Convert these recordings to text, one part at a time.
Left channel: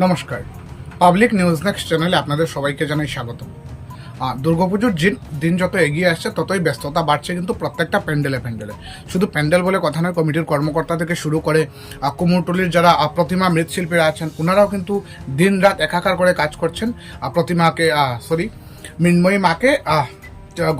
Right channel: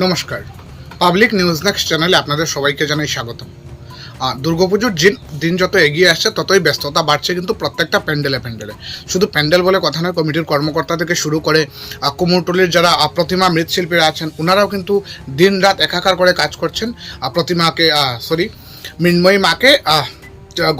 নমস্কার। Public news next চ্যানেলে আপনাদের সবাইকে জানাই স্বাগতম। আহ, দুর্গাপুজোর দিন দিন যত এগিয়ে আসছে ততই ব্যস্ততা বাড়ছে কিন্তু প্রত্যেকটা প্যান্ডেলে প্যান্ডেলে। শুধু প্যান্ডেল বলে কথা নয় কমিটির কর্মকর্তা থেকে শুরু করে কুমোরটুলির যারা প্রতিমা মৃৎশিল্পীরা আছেন ওনারাও কিন্তু দিন রাত একাকার করে কাজ করছেন। প্রতিমাকে সরি মৃন্ময়ী মাকে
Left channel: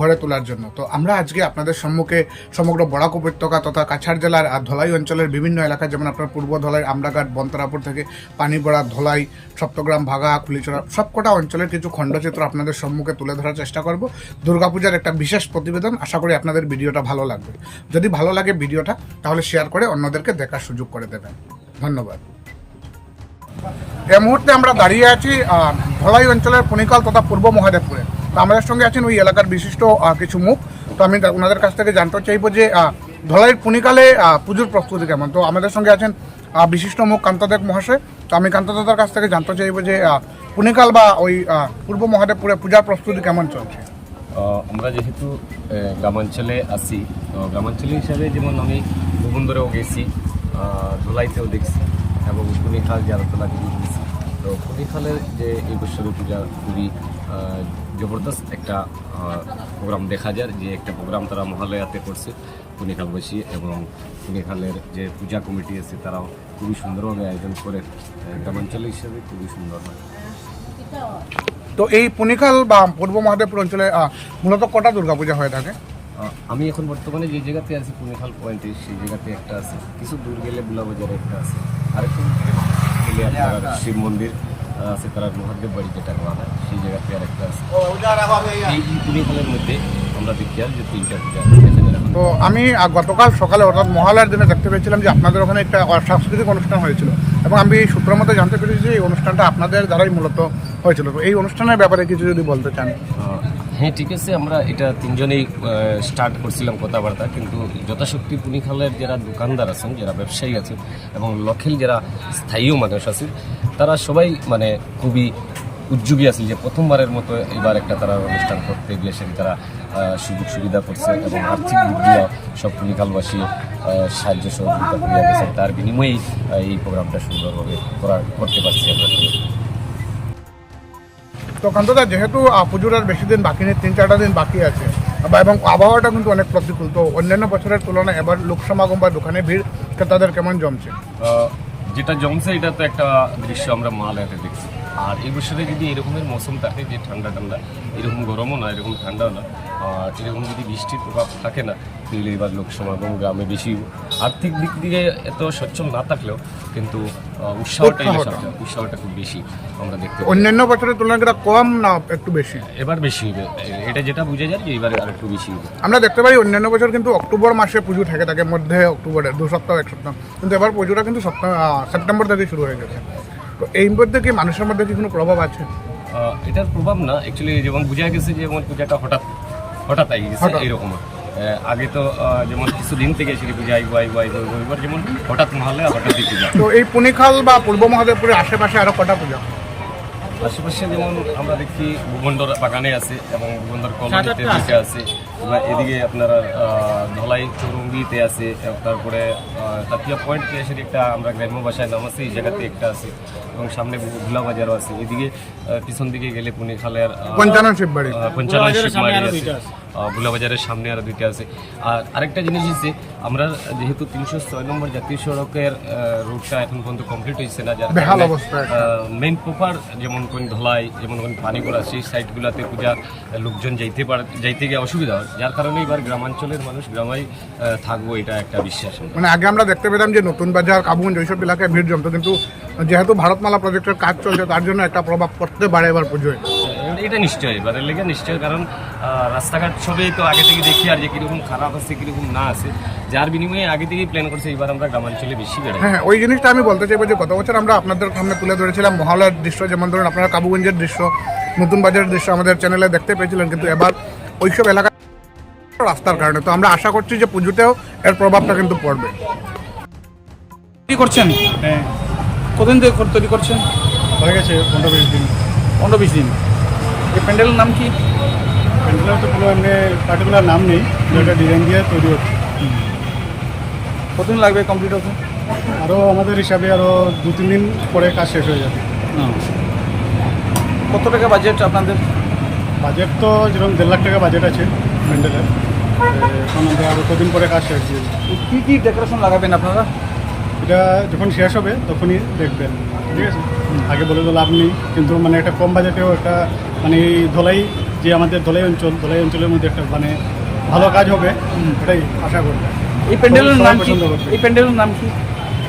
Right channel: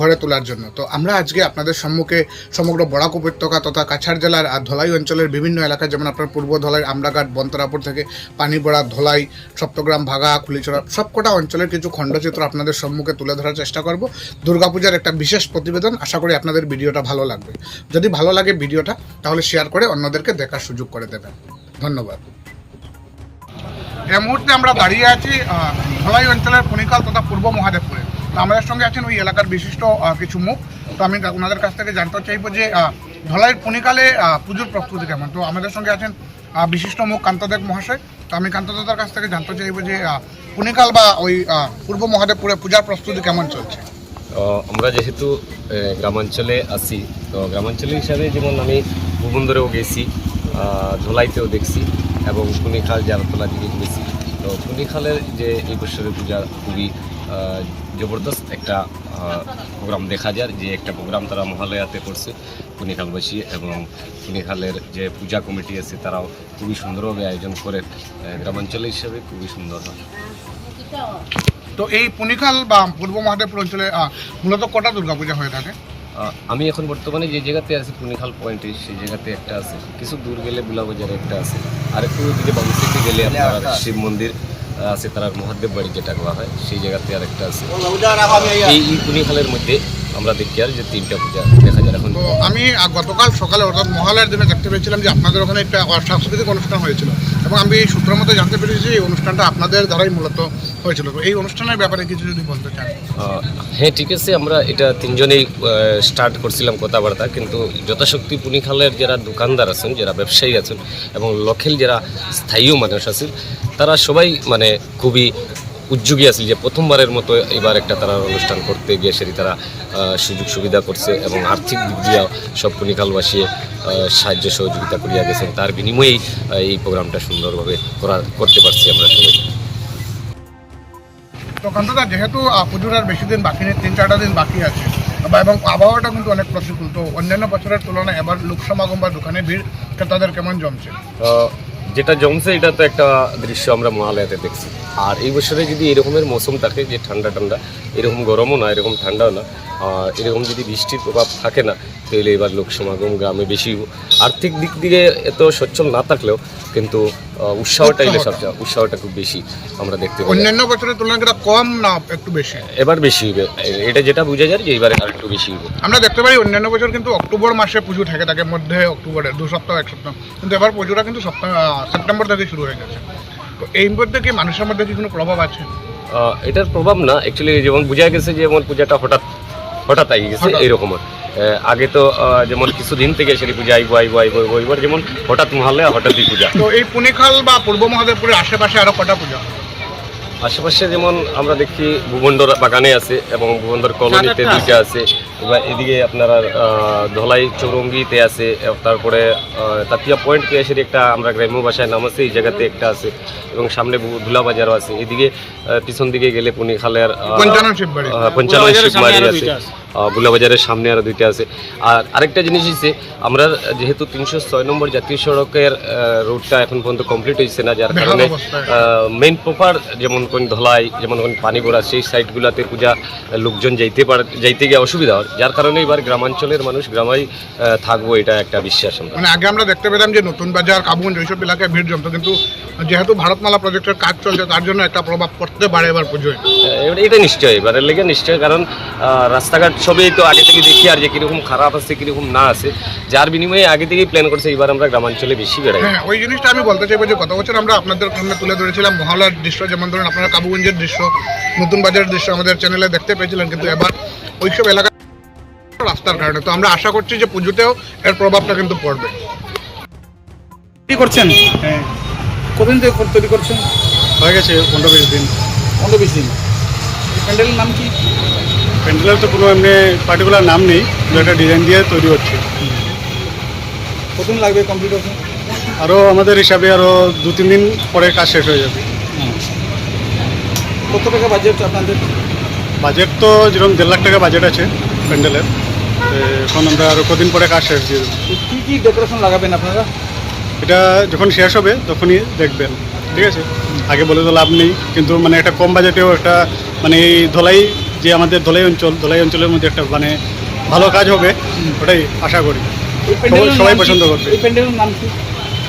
ঘরে তোলার জন্য। তো আমরা আজকে আপনাদের সম্মুখে সমগ্র বরাক উপত্যকা তথা কাছাড় জেলার আর ধলাই অঞ্চলের বিভিন্ন এলাকা যেমন আপনার পূর্ব ধলাই, আমরাঘাট, বন্তরাপুর থেকে পানিবড়া ধলাই, সপ্তগ্রাম, ভাগা খুলিচড়া সবকটা অঞ্চলের কিছু খণ্ডচিত্র আপনাদের সম্মুখে তুলে ধরার চেষ্টা করব। দুর্গাপূজার একটা বিশেষ প্রতিবেদন, আশা করি আপনাদের ভিডিওটা ভালো লাগবে। যদি ভালো লাগে ভিডিওটা, তাহলে শেয়ার করে অন্যদেরকে দেখার সুযোগ করে দেবেন। ধন্যবাদ। এই মুহূর্তে আমরা দাঁড়িয়ে আছি ধলাই অঞ্চলের ফণিকাল তথা পূর্ব মহাদেবপুরে। আমাদের সঙ্গে আছেন ওই এলাকার বিশিষ্ট কিছু মুখ। তো আমি ওনাদের কাছ থেকে জানতে চাইব যে ধলাইয়ের আহ, পুজোর প্রস্তুতি কেমন? তো আমাদের সঙ্গে আছেন বিশিষ্ট মুখ কান্তদেব মহাশয়। তো আমি কান্তদাদার কাছ থেকে জানতে চাইব যে পুনিকাল বা ওই পূর্ব মহাদেবপুরে পূজার প্রস্তুতি কেমন চলছে? আমরা যেহেতু গ্রামাঞ্চলে আসি তো গ্রামাঞ্চলে হিসাবে যেমন আমি ভুবন্দরেও গেছি আহ, ধুলাইতেও দেখছি এবং পুনিখাল জারতলা দিকে গেছি তো পুনিখালের যে এই বছরের পূজা খুবই জবরদস্ত একটা প্রোগ্রাম দেখা যায় যে একটা প্রোগ্রাম তারা মহালয়াতে করছে পুনিখালবাসী এবং পুনিখালের যে পূজা কমিটি আছে তারাও খুবই সুন্দরভাবে আয়োজন করে। গ্রামাঞ্চলে হিসাবে খুবই সুন্দর হয়। তো এই পুনিকাল বা পূর্ব মহাদেবপুর অঞ্চলে মূলত কটা দুর্গাপূজা হয়ে থাকে? আমি এখন বর্তমানে যে জায়গাতে আছি পুনিখাল পয়েন্টে সেই জায়গাতে একটা আছে। কিছু দূর গেলে বুলাবাজারে একটা আছে। আর একটু দিকে বাবুসিতে গেলে আপনার শিব মন্দির আছে তার মহাদেব বাড়ি যেটা বলা হয় সেই জায়গাতে আর একটা আছে এই এই পুনিখালের মধ্যে আমরা দেখি আর যে তিনটা পূজা দেখা যায় এখন। তো আমি গতকাল সকালে অর্থাৎ মহালয়ার জন্য দেখতে পেয়েছিলাম যে আপনাদের ওখানে একটা সাংস্কৃতিক অনুষ্ঠান হয়েছিল। এবং আমি সূত্র মতো জানতে পেরেছি যে এই অনুষ্ঠানটা আপনাদের দ্বারাই মূলত হয়েছিল। তো এই অনুষ্ঠানের ব্যাপারে কিছু যদি বলতে চান। হ্যাঁ ঠিক আছে, আমরা এটা তিনজনেই স্টার্ট করছিলাম কথাবার্তা, কিন্তু যথাশক্তি পুনিখালের যারা দোকানদার আছেন, যারা ব্যবসায়ী আছেন, এবং লখেল যারা স্থায়ী মানুষ আছেন, তারা সবাই মানে খুবই উদ্যোগী আছে যে প্রথমবারের মতো এবার একটা তারা অনুষ্ঠান করতে গিয়ে সেটি তারা সুযোগ সুবিধা করছে এবং আর্থিক দিক দিয়ে সব পুনিকালবাসী আহ, সাহায্য সহযোগিতা করিয়া গেছেন। তার বিনিময়েই এই প্রোগ্রামটা সুন্দরভাবে করা করতে পারছি আমরা সবাই। তো কান্তদা যেহেতু পুজোর আর বেশি দিন বাকি নেই তিন চারটা দিন বাকি আছে বা এবং আবহাওয়াটা কিন্তু অনেক প্রতিকূল। তো অন্যান্য বছরের তুলনায় এবার লোক সমাগম বা দোকানে ভিড় ক্রেতাদের কেমন জমছে? যেটা জমছে এটা তো একটা দৃশ্য আমরা মহালয়াতে দেখছি। আর এই বছরে যদি এরকমের মৌসুম থাকে, যে ঠান্ডা ঠান্ডা এরকম গরমও না, এরকম ঠান্ডাও না এরকম যদি বৃষ্টির প্রভাব থাকে না তাহলে এবার লোক সমাগম গ্রামে বেশি আর্থিক দিক থেকে এত সচ্ছল না থাকলেও কিন্তু উৎসাহটা। উৎসাহটা। সবচেয়ে উৎসাহটা খুব বেশি আমরা দেখতে অন্যান্য বছরের তুলনায় এটা কম না একটু বেশি? এবার বেশি হবে। এটা যেটা বোঝা যায় যে এবারে আর একটু বেশি হবে। আমরা দেখতে পাই অন্যান্য বছর কিন্তু অক্টোবর মাসে পুজো থাকে থাকে মধ্যে অক্টোবরে দু সপ্তাহ এক সপ্তাহ। কিন্তু এবার পুজোটা কিন্তু সেপ্টেম্বর থেকে শুরু হয়ে গেছে। তো এই মধ্যে কি মানুষের মধ্যে কি কোনো প্রভাব আছে? এটার প্রভাব না। অ্যাকচুয়ালি যেমন বোঝা গেছে যে যেমন পূজাটা হঠাৎ হঠাৎ আই গেছে। এইরকম আগে তো যেমন কিছুদিন থেকে সেটি পূজা আইবো আইবো আইবো আইবো এবার যেমন হঠাৎ মহালয়া হঠাৎই পূজা। তো এই পুনিখাল বা পূর্ব মহাদেবপুরের আশেপাশে আরও কটা পূজা? আশেপাশে যেমন আমরা দেখি ভুবন্দর বাগানে আছে এবং ভুবন্দর কলোনিতে দিকে আছে। এবার এদিকে আপনার ধলাই চৌরঙ্গিতে আছে এবং তারপরে তাতিয়া পয়েন্ট পেয়ে সেটি একটা আমরা গ্রাম্য ভাষায় নাম আছে এই জায়গাতে একটা আছে এবং সামনে ভুলা বাজারও আছে। এদিকে পিছন দিকে গেলে পুনিখালের আহ, পঞ্চানন শিববাড়ি। পঞ্চানন শিববাড়ি আছে। বুলাবাজারের সামনে আরও দুইটা আছে। আর আরেকটা জিনিস হচ্ছে আমরা যেহেতু তিনশো ছয় নম্বর জাতীয় সড়কের রুটটা এখন পর্যন্ত কমপ্লিট হয়েছে না যার কারণে মেইন প্রপার যেমন কোন ধলাই যেমন কোন পানিগোড়া সেই সাইটগুলোতে পূজা লোকজন যাইতে পারে যাইতে গিয়ে অসুবিধা হয়। যার কারণে এবার গ্রামাঞ্চলের মানুষ গ্রামেই থাকব এটা একটা বিশ্বাস মানে আগে আমরা দেখতে পেতাম যে নতুন বাজার কাবুগঞ্জ ওইসব এলাকায় ভিড় জমতো কিন্তু যেহেতু ভারতমালা প্রজেক্টের কাজ চলছে তার জন্য একটা প্রভাব পড়তে পারে এবার পুজোয়। এবার এটা নিশ্চয়ই এবারের লেগে নিশ্চয় কারণ রাস্তাঘাট সবই তো আগে থেকে দেখি আর যে কীরকম খারাপ আছে কীরকম না আছে। যার বিনিময়ে আগে থেকেই প্ল্যান করছে এবার আমরা গ্রামাঞ্চলে বেশি বেড়াই। হ্যাঁ ওই জিনিসটা আমি বলতে চাইব যে গত বছর আমরা আপনাদের সামনে তুলে ধরেছিলাম মহালয়ার দৃশ্য যেমন ধরুন আপনারা কাবুগঞ্জের দৃশ্য নতুন বাজারের দৃশ্য আমাদের চ্যানেলে দেখতে পেয়েছিলেন কিন্তু এবার ওইসব এলাকা রাস্তার কারণে। তো আমরা আশা করছি যে পুজোতেও এর প্রভাবটা কিন্তু পড়বে। করছেন? হ্যাঁ। কতদিন থেকে তৈরি করছেন? হয়ে গেছে পনেরো বিশ দিন। পনেরো বিশ দিন। এই প্যান্ডেলের নাম কি? প্যান্ডেলের তো কোনো এমনি পার্টিকুলার নাম নেই দু একটা ডিজাইন দিয়ে তৈরি হচ্ছে। কতদিন লাগবে কমপ্লিট হতে? আরও আমাদের হিসাবে আরও দু তিন দিন পরে কাজ শেষ হয়ে যাবে। কত টাকা বাজেট আপনাদের? বাজেট তো যেরকম দেড় লাখ টাকা বাজেট আছে প্যান্ডেলের এখন আমরা আরও কদিন পরে কাজ শেষ দিয়ে দেবো। কী কী ডেকোরেশন লাগাবেন আপনারা? এটা যখন শেষ হবে তখনই দেখবেন ঠিক আছে? আগে বলে তো লাভ নেই কিন্তু মানে একটা কম বাজেটেও একটা মানে এই ধলাই যে আমাদের ধলাই অঞ্চল ধলাই অঞ্চলের মধ্যে একটা মানে ভালো কাজ হবে ওটাই আশা করি। এই প্যান্ডেলের সবাই পছন্দ করবে। এই প্যান্ডেলের নাম কি?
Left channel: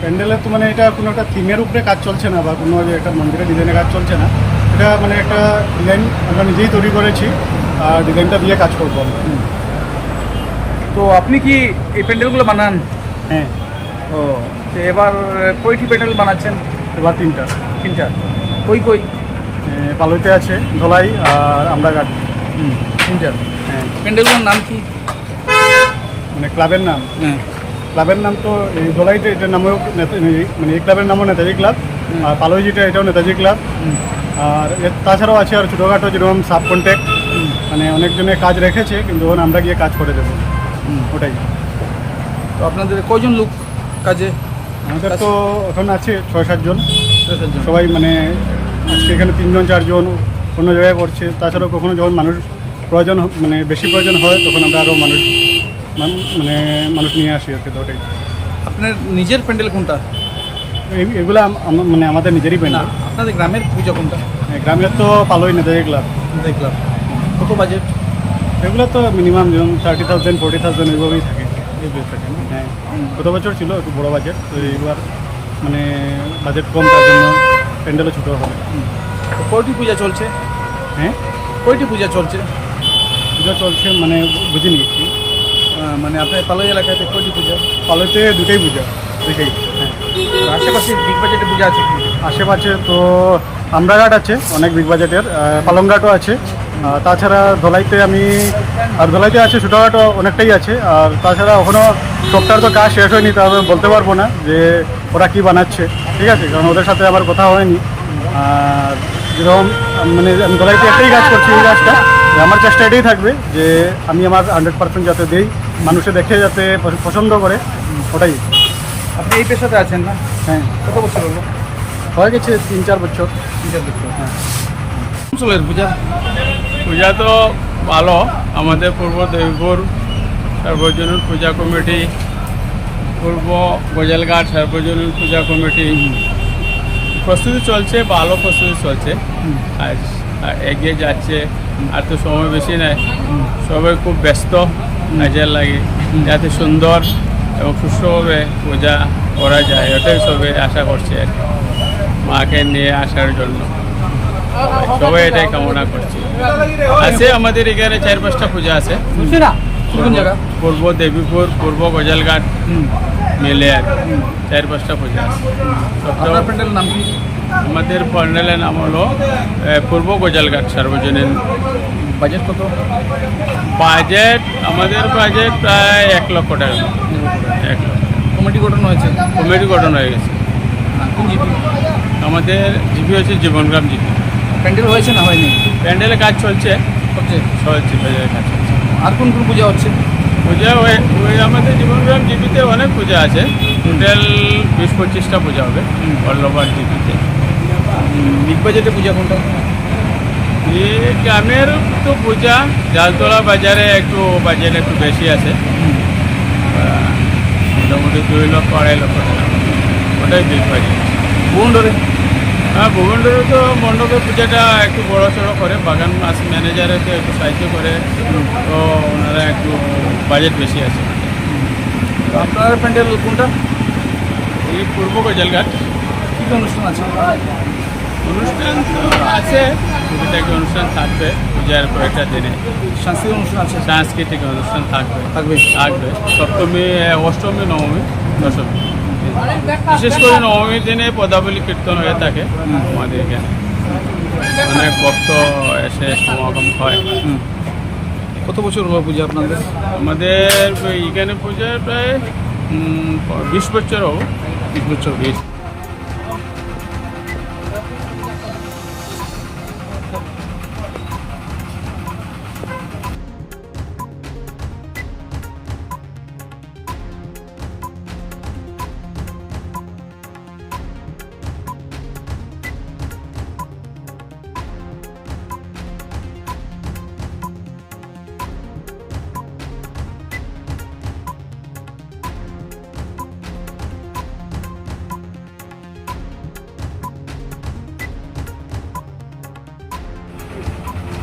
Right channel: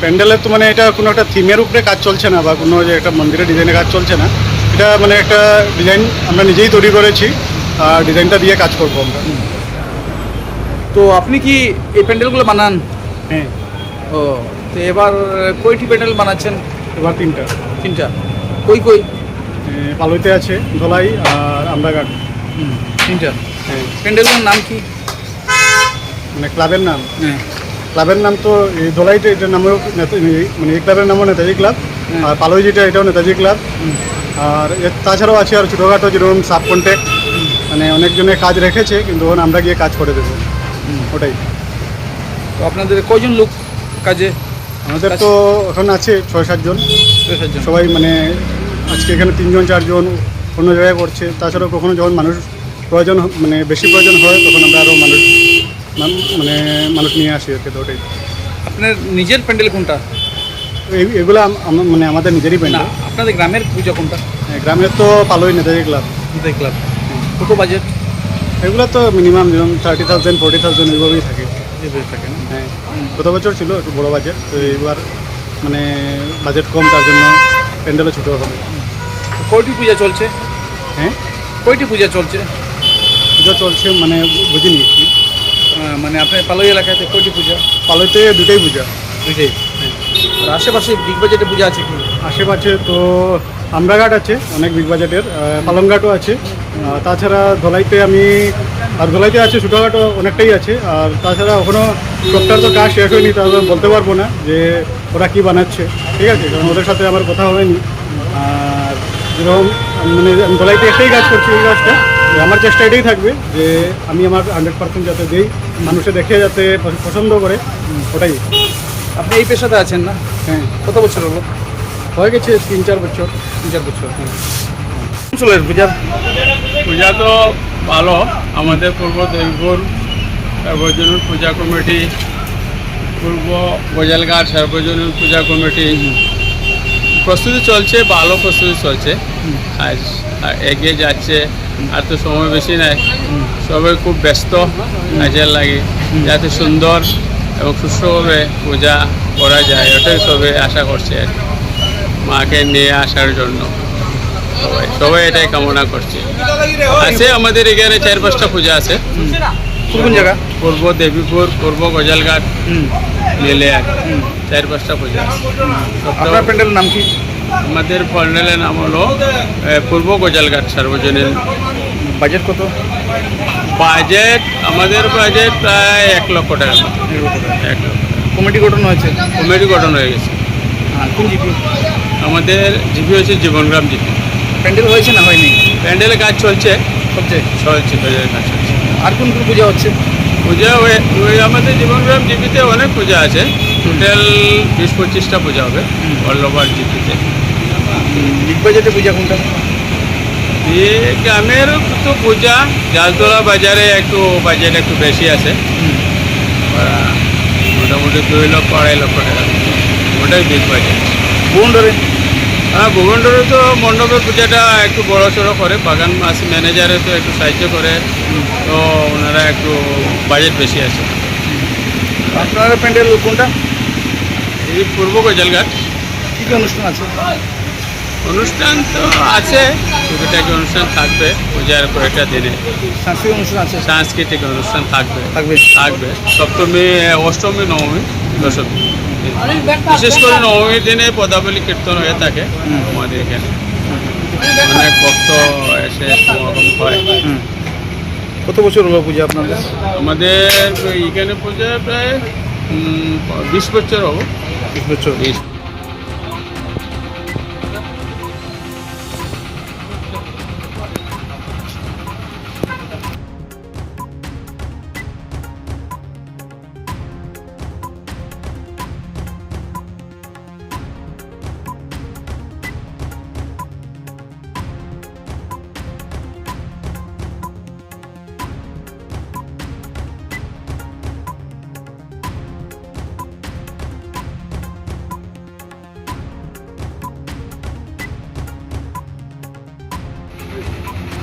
প্যান্ডেলের তো মানে এটা কোনো একটা থিমের উপরে কাজ চলছে না বা কোনো যে একটা মন্দিরের ডিজাইনের কাজ চলছে না। এটা মানে একটা ডিজাইন আমরা নিজেই তৈরি করেছি আর ডিজাইনটা দিয়ে কাজ করব আমরা। তো আপনি কি এই প্যান্ডেলগুলো বানান? হ্যাঁ। ও তো এবার কয়টি প্যান্ডেল বানাচ্ছেন? এবার তিনটা। তিনটা। কই কই? পালইতে আছে ধলাই আর আমরাঘাট হুম তিনটা। হ্যাঁ। প্যান্ডেলগুলোর নাম কি? মানে ক্লাবের নাম। হ্যাঁ। ক্লাবের নাম তো এই ধলাইতে এটার নামেও মানে এই ক্লাবের নামও নেতাজি ক্লাব আর পালই যেটা এটাও নেতাজি ক্লাব। আর এর তাছাড়াও আছে আর ছোটোখাটো যেরকম সাব কন্ট্যাক্ট মানে অনেকজনে কাজ রেখেছে কিন্তু ওখানে আমরা গিয়ে কাজ করে দেবো। ওটাই। তো আপনাদের কয়জন লোক কাজে? আমাদের তো এখন আছে ছয় সাতজন সবাই মানে আজকে এখানে তিনজন চারজন অন্য জায়গায় করছে। তাছাড়াও কখনো যখন মানুষ প্রয়োজন মানে বেশি প্রয়োজন হয় তখন আমরা আরও মানুষ মানে মানুষ নিয়ে আসি আর কি তো ওটাই। আপনার নিজের প্যান্ডেল কোনটা? এগুলো মানে আমাদের নিজেরই প্যান্ডেল। আপনাদের গ্রামের পূজা কোনটা? হ্যাঁ, গ্রামের তো পালোই নেতাজি ক্লাব। দেখলাম কত বাজেট? এগুলো তো মিনিমাম যেরকম থার্টি থাউজেন্ড ফোর্টি থাউজেন্ড ওইভাবেই থাকে। এইভাবে থাকে না? হ্যাঁ। গত বছর ছিল একটু বড় বাজেট তো এইবার মানে বাজেট কম তার জন্য প্যান্ডেলও ছোটো হবে। তো কয়টি পূজা চলছে? হ্যাঁ? কয়টি পূজা চলছে? পূজা চলছে মানে বুঝিনি কি আহ, মানে আপনার পালই এলাকাতে কয়টি পূজা? পালোইতে দুটোই পূজা। দুইটাই? হ্যাঁ। আর আশেপাশে বিগ বাজেটে পূজা আছে কি? আশেপাশে তো আমরাঘাট আছে অনেক বিগ বাজেটের। আহ, পালংঘাটও আছে। তাছাড়া ধলাইতে আমি আর ধলাইতে আছে ছোটোখাটো অনেকটাই আছে। আর তাছাড়া ওখানেও সবটার তো কাজ শেষ হয়নি তাহলে বলতে পারব না যে ওরা কি বানাচ্ছে। ঠিক আছে কারণ ওদের সাথে আমার কথা হয়নি। আর যেরকম মানে আমি ধলাইতে একটাই কাজ করছি এই কাজটা। যে আমার চেষ্টা এটাই থাকবে যে আমি আমার হান্ড্রেড পার্সেন্ট যাতে দেই মানুষে দেখে যাতে পছন্দ করে ওটাই। আপনি এই পেশাতে আছেন না? হ্যাঁ। কত বছর হলো? হয়ে গেছে তিন চার বছর। তিন চার বছর হ্যাঁ। অঞ্চলের পূজার। পূজা তো ভালো, আমাদের পূর্ব দেবীপুর সার্বজনীন পূজা কমিটি, পূর্ব গজালঘাট সার্বজনীন পূজা কমিটি। প্রস্তুতি চলছে, ভালো প্রস্তুতি চলছে। আর এগিয়ে যাচ্ছে, আর তো সময় বেশি নাই। সবাই খুব ব্যস্ত কাজের লাগে। যাতে সুন্দর এবং সুস্থভাবে পূজা করা যায় ওটাই সবাই আশা করছে আর। মাকে নিয়ে আসার জন্য। সবাই। সবাই এটাই কামনা করছে। আছে আমাদের এখানে চার পাঁচটা পূজা আছে। কোন কোন জায়গা? পূর্ব দেবীপুর পূর্ব গজালঘাট মিলে আর। চার পাঁচটা পূজা আছে। আপনার প্যান্ডেলের নাম কি? আমাদের প্যান্ডেলের নাম হলো পূর্ব গজালঘাট সার্বজনীন। বাজেট কত? বাজেট আমাদের বাজেট প্রায় এক লক্ষ টাকার মতো। এক লক্ষ টাকা। কমিটি গঠন হয়েছে? কমিটি গঠন হয়ে গেছে। হ্যাঁ কোন জিপি? আমাদের জিপি হচ্ছে জীবনগ্রাম জিপি। প্যান্ডেল হয়েছে না হয়নি? প্যান্ডেলের কাজ চলছে। সবচেয়ে চলছে প্যান্ডেলের কাজ চলছে। আর কোন কোন পূজা হচ্ছে? পূজা ওই ওই আমাদের জীবনগ্রাম জিপিতে অনেক পূজা আছে। টোটাল বিশ পঁচিশটা পূজা হবে। All over জিপিতে। বিগ বাজেটে পূজা কোনটা? গ্রামের তো পূজা জালতলা বাজারে একটু বাজেট একটু বেশি আছে। মোটামুটি দুই লক্ষ আড়াই লক্ষ টাকার মতো। ওটাই বিগ বাজেট। ভুবনডরে হ্যাঁ ভুবনডোরে তো মণ্ডপের পূজাটা একটু বড় সড়ো করে বাগান মাস ম্যানেজারে তো একটু সাহায্য করে তো ওনারা একটু বাজেট বেশি আছে ওনাদের। আপনার প্যান্ডেল কোনটা? এই পূর্ব গজালঘাট। কী কী অনুষ্ঠান আছে? অনুষ্ঠান তো আছে টুকিটাকি অনুষ্ঠান থাকবে পূজার কয়েকটা দিনে। সাংস্কৃতিক অনুষ্ঠান আছে? সাংস্কৃতিক অনুষ্ঠান থাকবে। থাকবে। থাকবে। সপ্তমী অষ্টমী নবমী দশমী। বিশেষ করে নবমীর দিনে পদাবলী কীর্তন হয়ে থাকে আমাদের এখানে অনেক ভক্ত এসে সমাগম হয়। কত বছর হলো পূজা আপনাদের? আমাদের এখানে পূজা প্রায় বিশ বছর হব। বিশ বছর। বিশ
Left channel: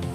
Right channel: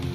আর